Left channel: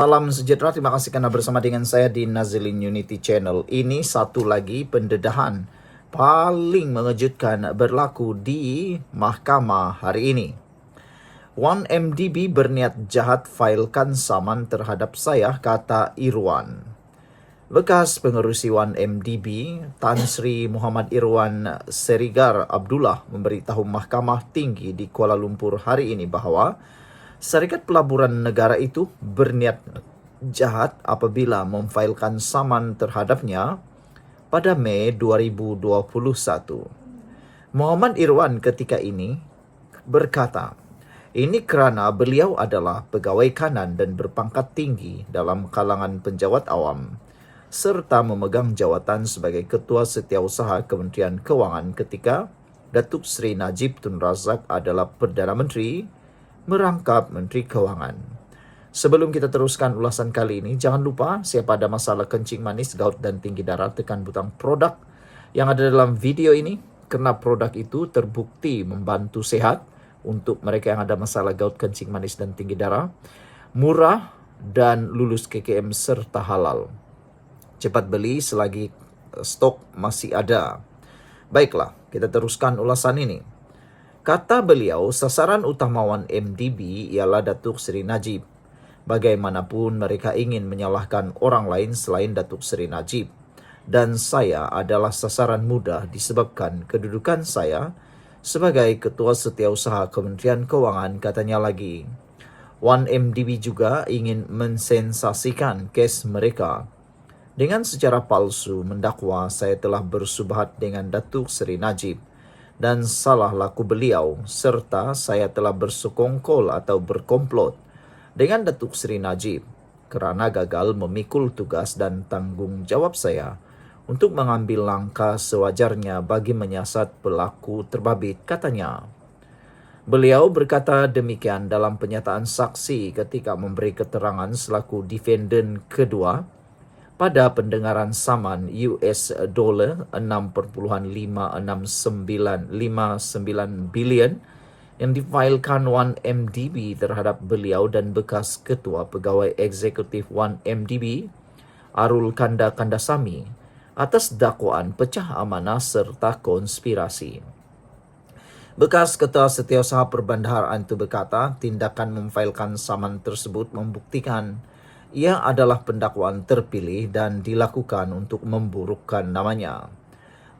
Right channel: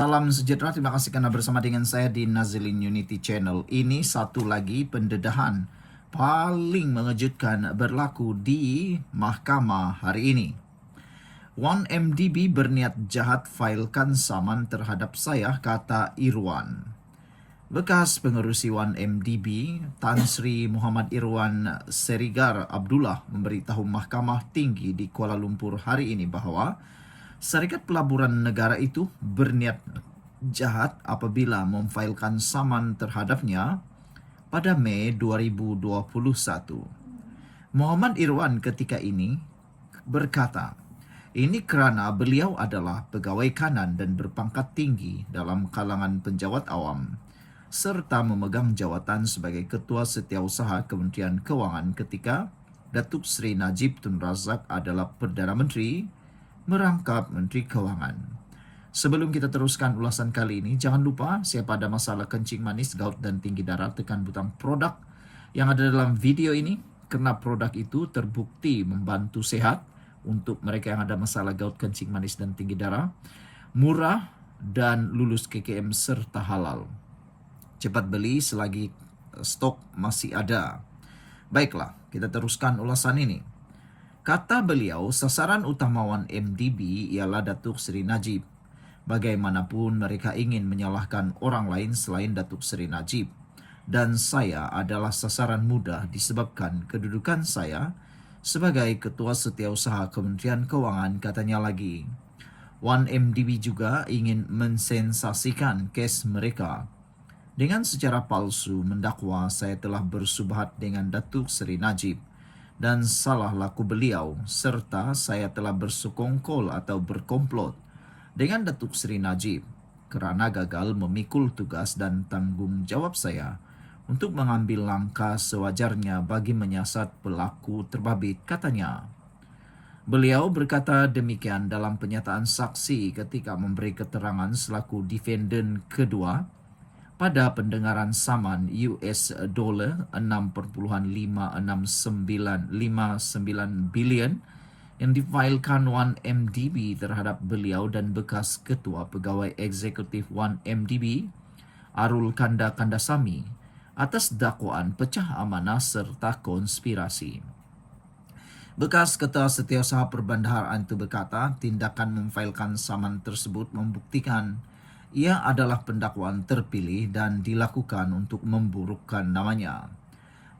Salam sejahtera, terima kasih karena bersama dengan saya di Nazilin Unity Channel. Ini satu lagi pendedahan paling mengejutkan berlaku di mahkamah hari ini. 1MDB berniat jahat failkan saman terhadap saya, kata Irwan. Bekas pengerusi 1MDB, Tan Sri Muhammad Irwan Serigar Abdullah memberitahu Mahkamah Tinggi di Kuala Lumpur hari ini bahwa Syarikat Pelaburan Negara itu berniat jahat apabila memfailkan saman terhadapnya pada Mei 2021. Muhammad Irwan ketika ini berkata, ini kerana beliau adalah pegawai kanan dan berpangkat tinggi dalam kalangan penjawat awam serta memegang jawatan sebagai Ketua Setiausaha Kementerian Kewangan ketika Datuk Seri Najib Tun Razak adalah Perdana Menteri merangkap Menteri Kewangan. Sebelum kita teruskan ulasan kali ini, jangan lupa siapa ada masalah kencing manis, gout dan tinggi darah, tekan butang produk yang ada dalam video ini kerana produk itu terbukti membantu sehat untuk mereka yang ada masalah gout, kencing manis dan tinggi darah, murah dan lulus KKM serta halal. Cepat beli selagi stok masih ada. Baiklah, kita teruskan ulasan ini. Kata beliau, sasaran utama 1MDB ialah Datuk Seri Najib. Bagaimanapun mereka ingin menyalahkan orang lain selain Datuk Seri Najib. Dan saya adalah sasaran mudah disebabkan kedudukan saya sebagai Ketua Setiausaha Kementerian Kewangan, katanya lagi. 1MDB juga ingin mensensasikan kes mereka. Dengan secara palsu mendakwa saya telah bersubhat dengan Datuk Seri Najib dan salah laku beliau serta saya telah bersekongkol atau berkomplot dengan Datuk Seri Najib kerana gagal memikul tugas dan tanggungjawab saya untuk mengambil langkah sewajarnya bagi menyiasat pelaku terbabit, katanya. Beliau berkata demikian dalam penyataan saksi ketika memberi keterangan selaku defendant kedua pada pendengaran saman US dollar 6.56959 bilion yang difailkan 1MDB terhadap beliau dan bekas ketua pegawai eksekutif 1MDB Arul Kanda Kandasamy atas dakwaan pecah amanah serta konspirasi. Bekas Ketua Setiausaha Perbendaharaan itu berkata tindakan memfailkan saman tersebut membuktikan ia adalah pendakwaan terpilih dan dilakukan untuk memburukkan namanya.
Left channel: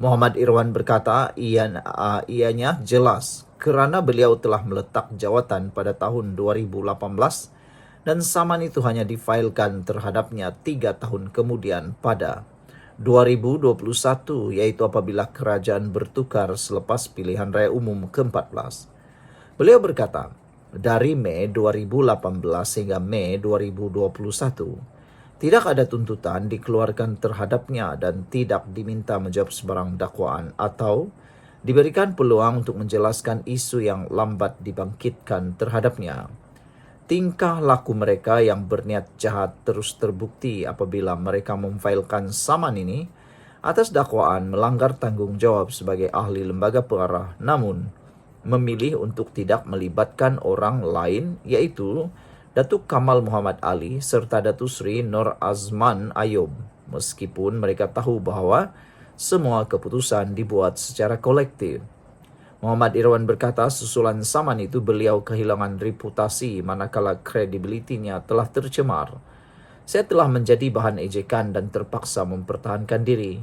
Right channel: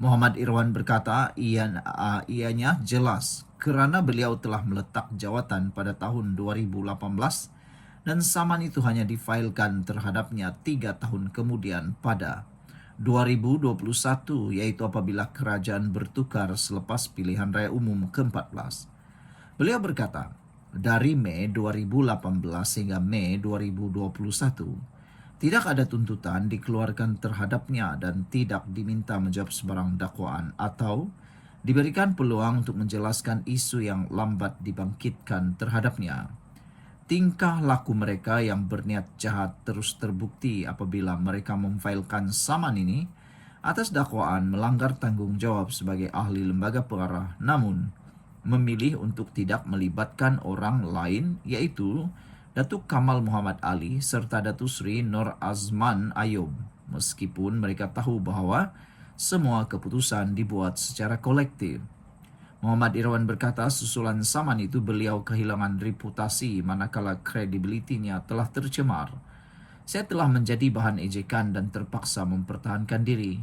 Muhammad Irwan berkata ianya jelas kerana beliau telah meletak jawatan pada tahun 2018 dan saman itu hanya difailkan terhadapnya 3 tahun kemudian pada 2021, iaitu apabila kerajaan bertukar selepas pilihan raya umum ke-14. Beliau berkata, dari Mei 2018 hingga Mei 2021, tidak ada tuntutan dikeluarkan terhadapnya dan tidak diminta menjawab sebarang dakwaan atau diberikan peluang untuk menjelaskan isu yang lambat dibangkitkan terhadapnya. Tingkah laku mereka yang berniat jahat terus terbukti apabila mereka memfailkan saman ini atas dakwaan melanggar tanggungjawab sebagai ahli lembaga pengarah namun memilih untuk tidak melibatkan orang lain iaitu Datuk Kamal Muhammad Ali serta Datuk Seri Nur Azman Ayub meskipun mereka tahu bahawa semua keputusan dibuat secara kolektif. Muhammad Irwan berkata susulan saman itu beliau kehilangan reputasi manakala kredibilitinya telah tercemar. Saya telah menjadi bahan ejekan dan terpaksa mempertahankan diri.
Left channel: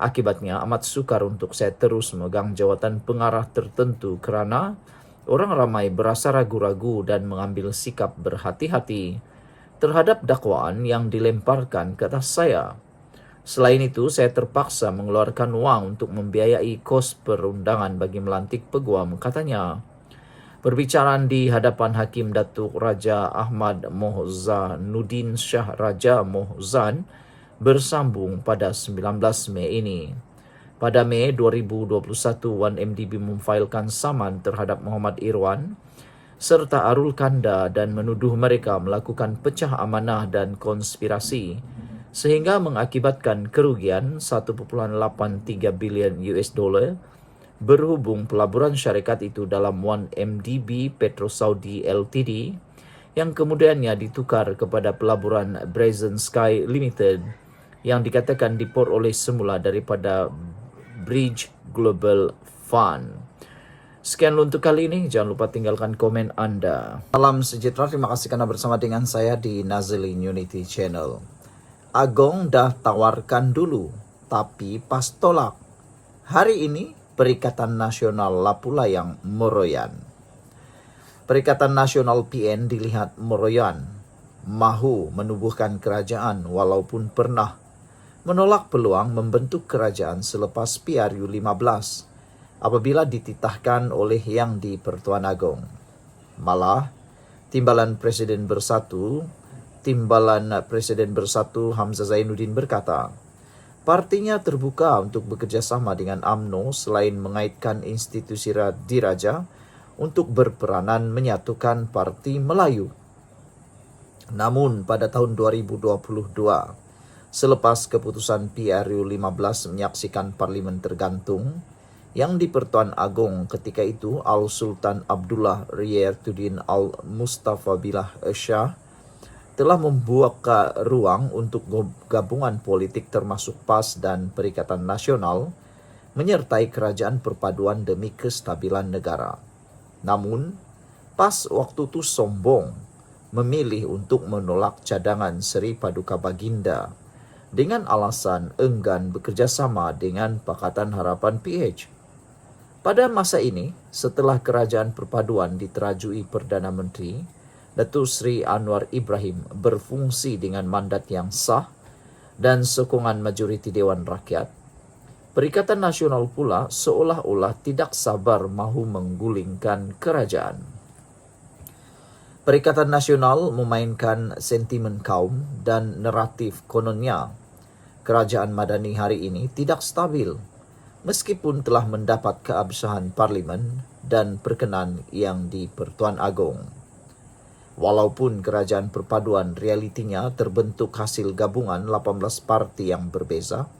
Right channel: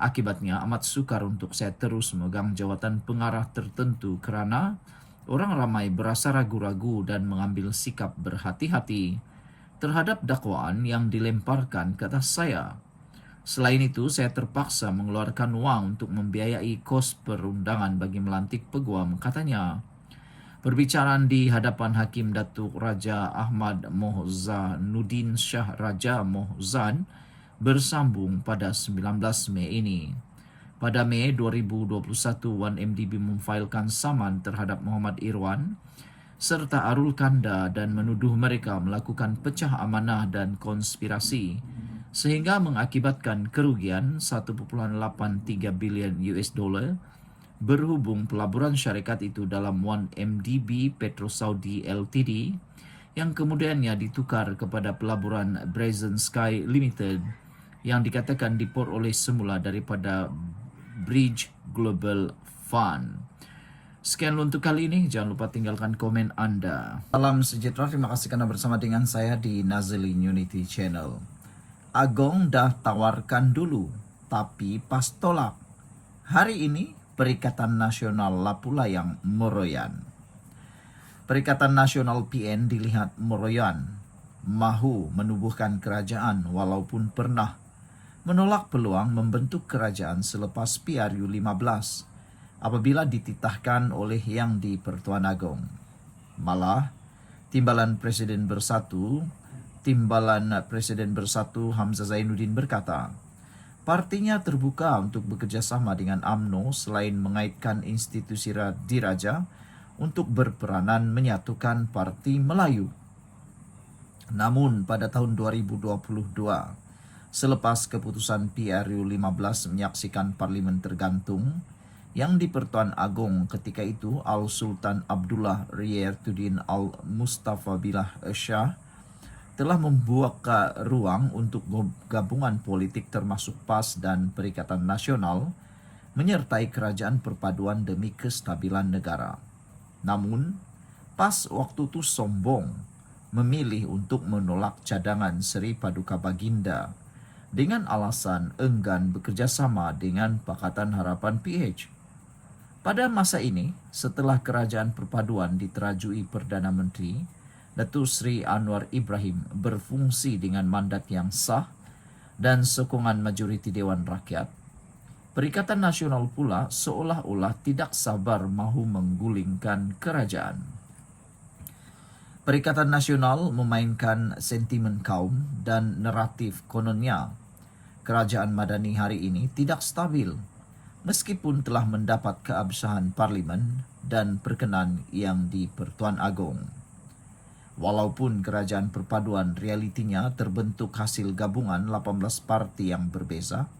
Akibatnya amat sukar untuk saya terus memegang jawatan pengarah tertentu kerana orang ramai berasa ragu-ragu dan mengambil sikap berhati-hati terhadap dakwaan yang dilemparkan ke atas saya. Selain itu, saya terpaksa mengeluarkan wang untuk membiayai kos perundangan bagi melantik peguam, katanya. Perbicaraan di hadapan Hakim Datuk Raja Ahmad Mohzanuddin Shah Raja Mohzan bersambung pada 19 Mei ini. Pada Mei 2021, 1MDB memfailkan saman terhadap Muhammad Irwan serta Arul Kanda dan menuduh mereka melakukan pecah amanah dan konspirasi sehingga mengakibatkan kerugian 1.83 bilion US dollar berhubung pelaburan syarikat itu dalam 1MDB Petro Saudi Ltd yang kemudiannya ditukar kepada pelaburan Brazen Sky Limited yang dikatakan diperoleh semula daripada Bridge Global Fund. Sekian untuk kali ini, jangan lupa tinggalkan komen Anda. Salam sejahtera, terima kasih karena bersama dengan saya di Nazilin Unity Channel. Agong dah tawarkan dulu, tapi pas tolak. Hari ini Perikatan Nasional lah pula yang meroyan. Perikatan Nasional PN dilihat meroyan, mahu menubuhkan kerajaan walaupun pernah menolak peluang membentuk kerajaan selepas PRU 15 apabila dititahkan oleh Yang di-Pertuan Agong. Malah, Timbalan Presiden Bersatu Hamzah Zainuddin berkata, partinya terbuka untuk bekerjasama dengan UMNO selain mengaitkan institusi diraja untuk berperanan menyatukan Parti Melayu. Namun pada tahun 2022, selepas keputusan PRU 15 menyaksikan parlimen tergantung, Yang di-Pertuan Agong ketika itu Al-Sultan Abdullah Riyatuddin Al-Mustafa Billah Shah telah membuka ruang untuk gabungan politik termasuk PAS dan Perikatan Nasional menyertai kerajaan perpaduan demi kestabilan negara. Namun, PAS waktu itu sombong memilih untuk menolak cadangan Seri Paduka Baginda dengan alasan enggan bekerjasama dengan Pakatan Harapan PH. Pada masa ini, setelah kerajaan perpaduan diterajui Perdana Menteri, Datuk Seri Anwar Ibrahim berfungsi dengan mandat yang sah dan sokongan majoriti Dewan Rakyat, Perikatan Nasional pula seolah-olah tidak sabar mahu menggulingkan kerajaan. Perikatan Nasional memainkan sentimen kaum dan naratif kononnya kerajaan Madani hari ini tidak stabil, meskipun telah mendapat keabsahan parlimen dan perkenan Yang di-Pertuan Agong. Walaupun kerajaan perpaduan realitinya terbentuk hasil gabungan 18 parti yang berbeza,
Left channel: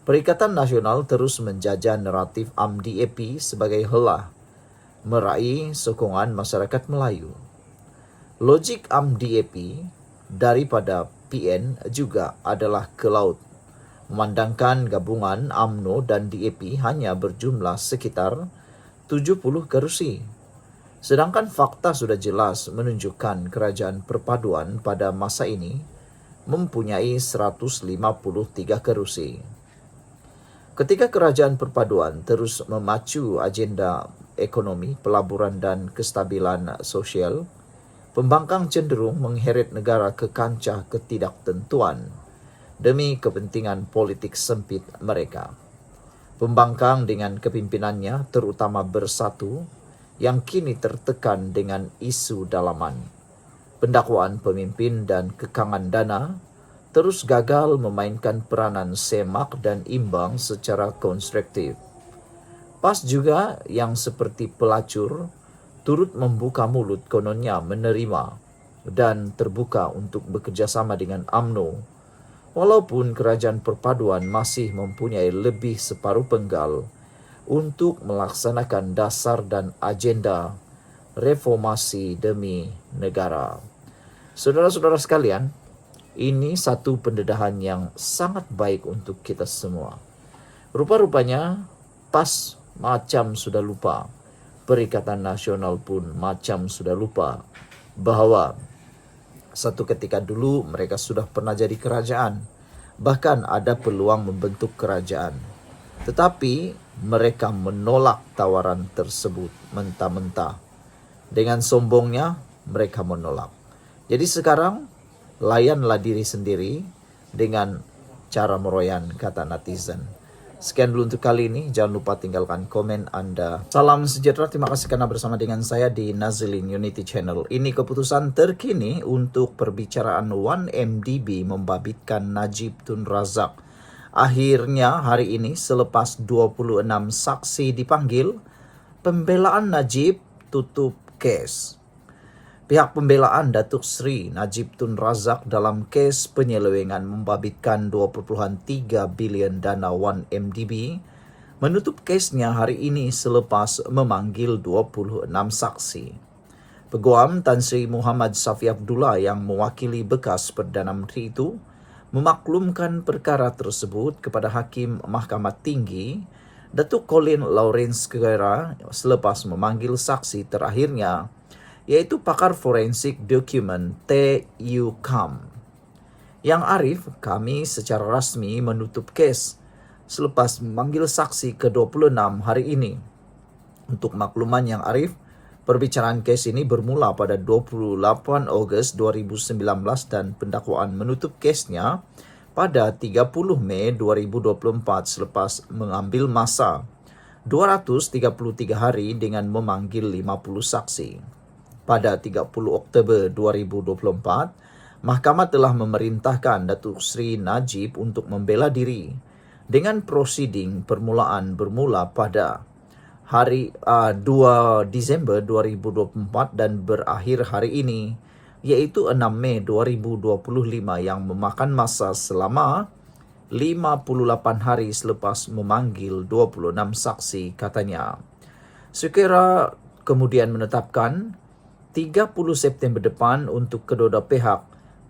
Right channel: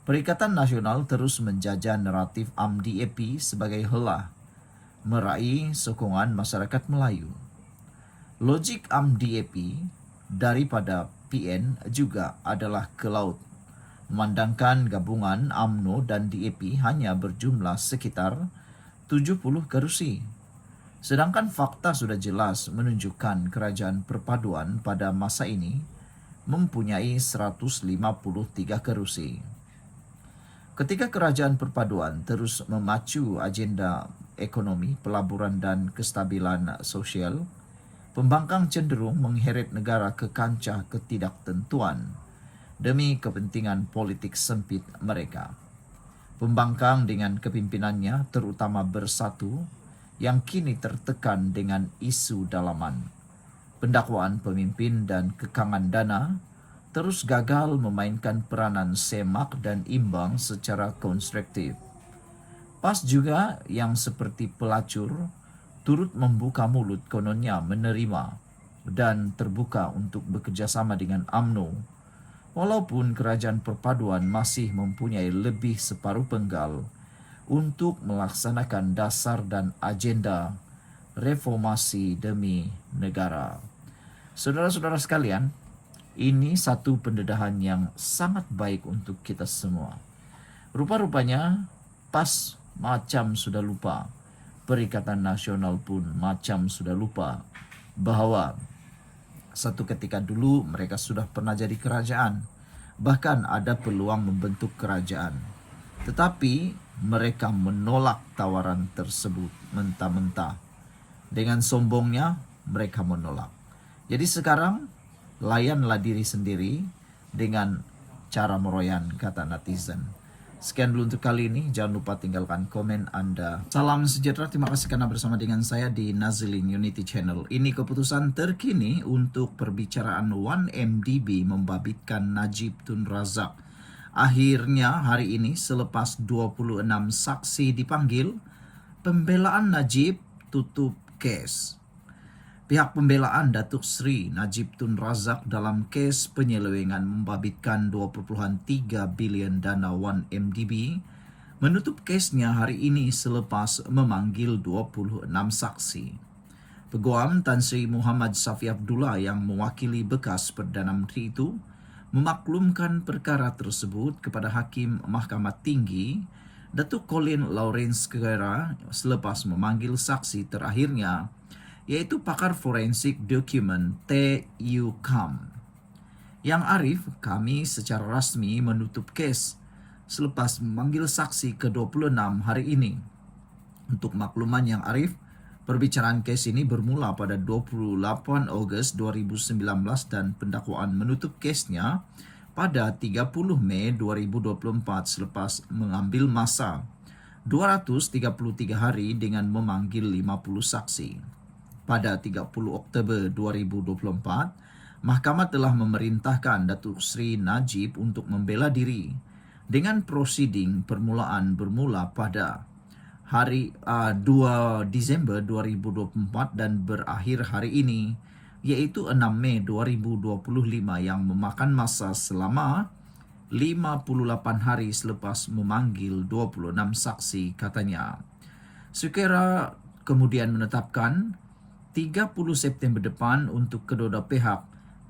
Perikatan Nasional terus menjajah naratif UMDAP sebagai helah meraih sokongan masyarakat Melayu. Logik UMDAP daripada PN juga adalah ke laut, memandangkan gabungan UMNO dan DAP hanya berjumlah sekitar 70 kerusi. Sedangkan fakta sudah jelas menunjukkan kerajaan perpaduan pada masa ini mempunyai 153 kerusi. Ketika kerajaan perpaduan terus memacu agenda ekonomi, pelaburan dan kestabilan sosial, pembangkang cenderung mengheret negara ke kancah ketidaktentuan demi kepentingan politik sempit mereka. Pembangkang dengan kepimpinannya terutama Bersatu yang kini tertekan dengan isu dalaman, pendakwaan pemimpin dan kekangan dana terus gagal memainkan peranan semak dan imbang secara konstruktif. PAS juga yang seperti pelacur turut membuka mulut kononnya menerima dan terbuka untuk bekerjasama dengan UMNO, walaupun kerajaan perpaduan masih mempunyai lebih separuh penggal untuk melaksanakan dasar dan agenda reformasi demi negara. Saudara-saudara sekalian, ini satu pendedahan yang sangat baik untuk kita semua. Rupa-rupanya PAS macam sudah lupa, Perikatan Nasional pun macam sudah lupa bahwa satu ketika dulu mereka sudah pernah jadi kerajaan, bahkan ada peluang membentuk kerajaan. Tetapi mereka menolak tawaran tersebut mentah-mentah. Dengan sombongnya mereka menolak. Jadi sekarang layanlah diri sendiri dengan cara meroyan, kata netizen. Sekian dulu untuk kali ini. Jangan lupa tinggalkan komen Anda. Salam sejahtera. Terima kasih karena bersama dengan saya di Nazilin Unity Channel. Ini keputusan terkini untuk perbicaraan 1MDB membabitkan Najib Tun Razak. Akhirnya hari ini selepas 26 saksi dipanggil, pembelaan Najib tutup kes. Pihak pembelaan Datuk Seri Najib Tun Razak dalam kes penyelewengan membabitkan 2.3 bilion dana 1MDB menutup kesnya hari ini selepas memanggil 26 saksi. Peguam Tan Sri Muhammad Safi Abdullah yang mewakili bekas Perdana Menteri itu memaklumkan perkara tersebut kepada Hakim Mahkamah Tinggi Datuk Colin Lawrence Sequeira selepas memanggil saksi terakhirnya, iaitu pakar forensik dokumen T.U. Kam. Yang Arif, kami secara rasmi menutup kes selepas memanggil saksi ke-26 hari ini. Untuk makluman Yang Arif, perbicaraan kes ini bermula pada 28 Ogos 2019 dan pendakwaan menutup kesnya pada 30 Mei 2024 selepas mengambil masa 233 hari dengan memanggil 50 saksi. Pada 30 Oktober 2024, Mahkamah telah memerintahkan Datuk Seri Najib untuk membela diri dengan prosiding permulaan bermula pada hari 2 Disember 2024 dan berakhir hari ini, iaitu 6 Mei 2025 yang memakan masa selama 58 hari selepas memanggil 26 saksi, katanya. Sequeira kemudian menetapkan 30 September depan untuk kedua-dua pihak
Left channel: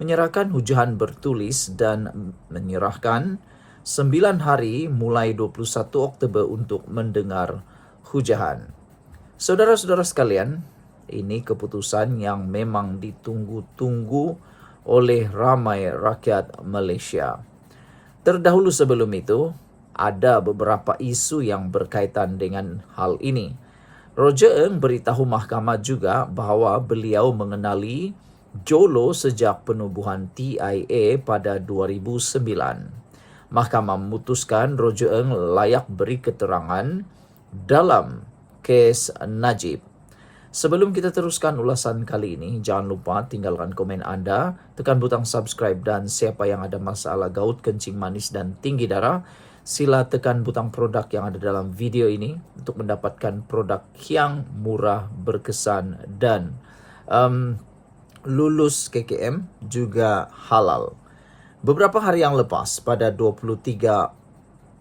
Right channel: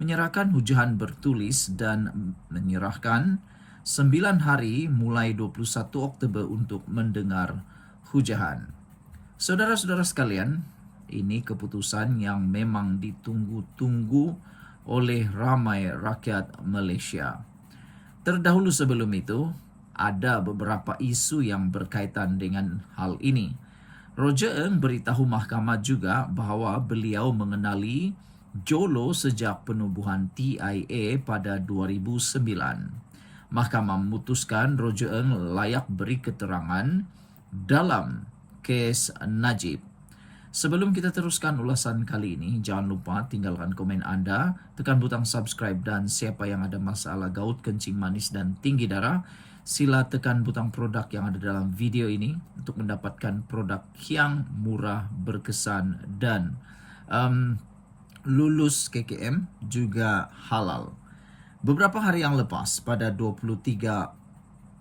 menyerahkan hujahan bertulis dan menyerahkan 9 hari mulai 21 Oktober untuk mendengar hujahan. Saudara-saudara sekalian, ini keputusan yang memang ditunggu-tunggu oleh ramai rakyat Malaysia. Terdahulu sebelum itu, ada beberapa isu yang berkaitan dengan hal ini. Roger Ng beritahu mahkamah juga bahawa beliau mengenali Jolo sejak penubuhan TIA pada 2009. Mahkamah memutuskan Roger Ng layak beri keterangan dalam kes Najib. Sebelum kita teruskan ulasan kali ini, jangan lupa tinggalkan komen anda, tekan butang subscribe, dan siapa yang ada masalah gaut, kencing manis dan tinggi darah, sila tekan butang produk yang ada dalam video ini untuk mendapatkan produk yang murah, berkesan dan lulus KKM juga halal. Beberapa hari yang lepas, pada 23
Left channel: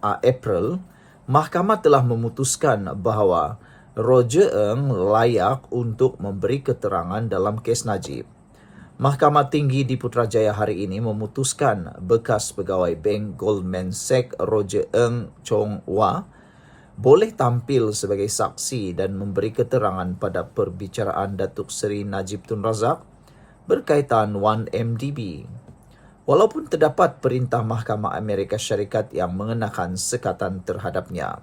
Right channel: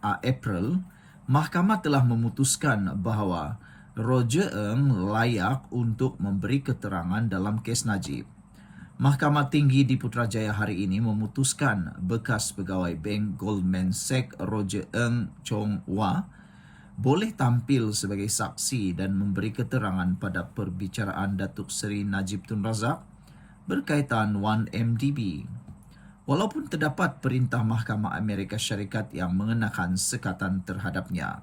April, Mahkamah telah memutuskan bahawa Roger Ng layak untuk memberi keterangan dalam kes Najib. Mahkamah Tinggi di Putrajaya hari ini memutuskan bekas pegawai Bank Goldman Sachs Roger Ng Chong Wah boleh tampil sebagai saksi dan memberi keterangan pada perbicaraan Datuk Seri Najib Tun Razak berkaitan 1MDB. Walaupun terdapat perintah Mahkamah Amerika Syarikat yang mengenakan sekatan terhadapnya.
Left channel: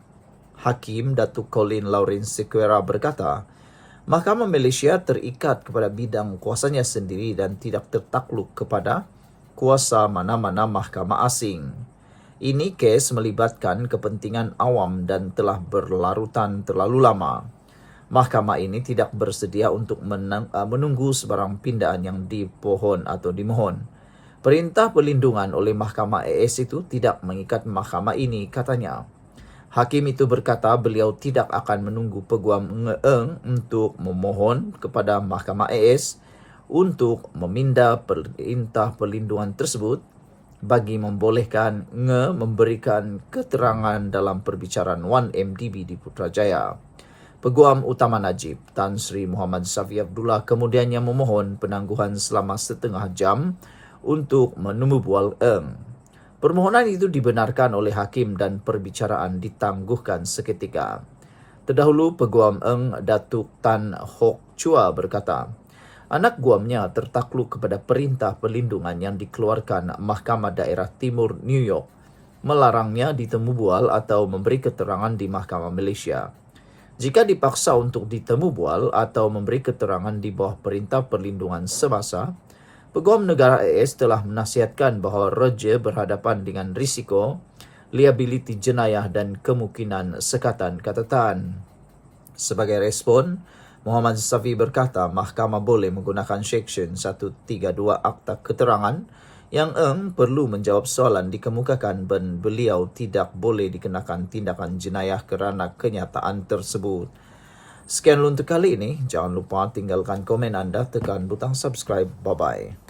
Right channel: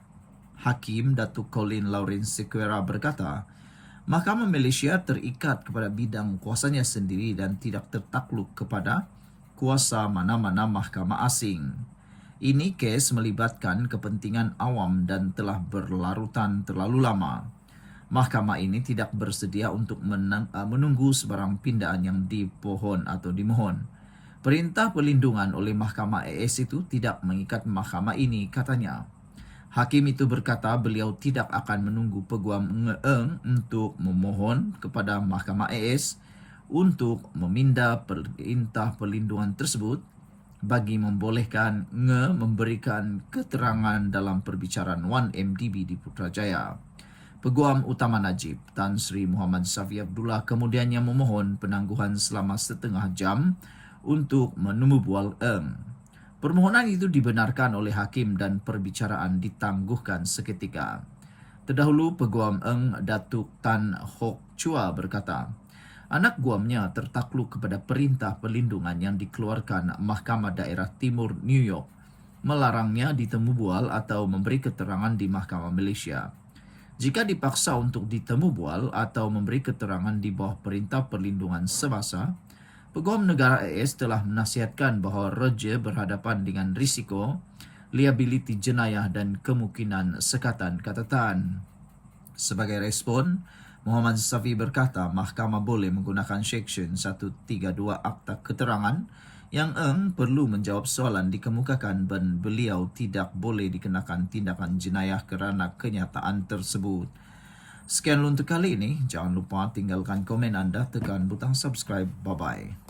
Hakim Datuk Colin Lawrence Sequeira berkata, Mahkamah Malaysia terikat kepada bidang kuasanya sendiri dan tidak tertakluk kepada kuasa mana-mana mahkamah asing. Ini kes melibatkan kepentingan awam dan telah berlarutan terlalu lama. Mahkamah ini tidak bersedia untuk menunggu sebarang pindaan yang dimohon. Perintah perlindungan oleh Mahkamah AS itu tidak mengikat mahkamah ini, katanya. Hakim itu berkata beliau tidak akan menunggu Peguam Ng untuk memohon kepada Mahkamah AS untuk meminda perintah perlindungan tersebut bagi membolehkan Ng memberikan keterangan dalam perbicaraan 1MDB di Putrajaya. Peguam Utama Najib, Tan Sri Muhammad Safi Abdullah, kemudiannya memohon penangguhan selama setengah jam untuk menemu bual Ng. Permohonan itu dibenarkan oleh hakim dan perbicaraan ditangguhkan seketika. Terdahulu, Peguam Ng Datuk Tan Hock Chua berkata, anak guamnya tertakluk kepada perintah perlindungan yang dikeluarkan Mahkamah Daerah Timur New York, melarangnya ditemu bual atau memberi keterangan di Mahkamah Malaysia. Jika dipaksa untuk ditemu bual atau memberi keterangan di bawah perintah perlindungan semasa, Peguam Negara AS telah menasihatkan bahawa Roger berhadapan dengan risiko, liability jenayah dan kemungkinan sekatan catatan. Sebagai respon, Muhammad Safi berkata mahkamah boleh menggunakan Seksyen 132 Akta Keterangan yang Ng perlu menjawab soalan dikemukakan dan beliau tidak boleh dikenakan tindakan jenayah kerana kenyataan tersebut. Sekian untuk kali ini. Jangan lupa tinggalkan komen anda, tekan butang subscribe. Bye-bye.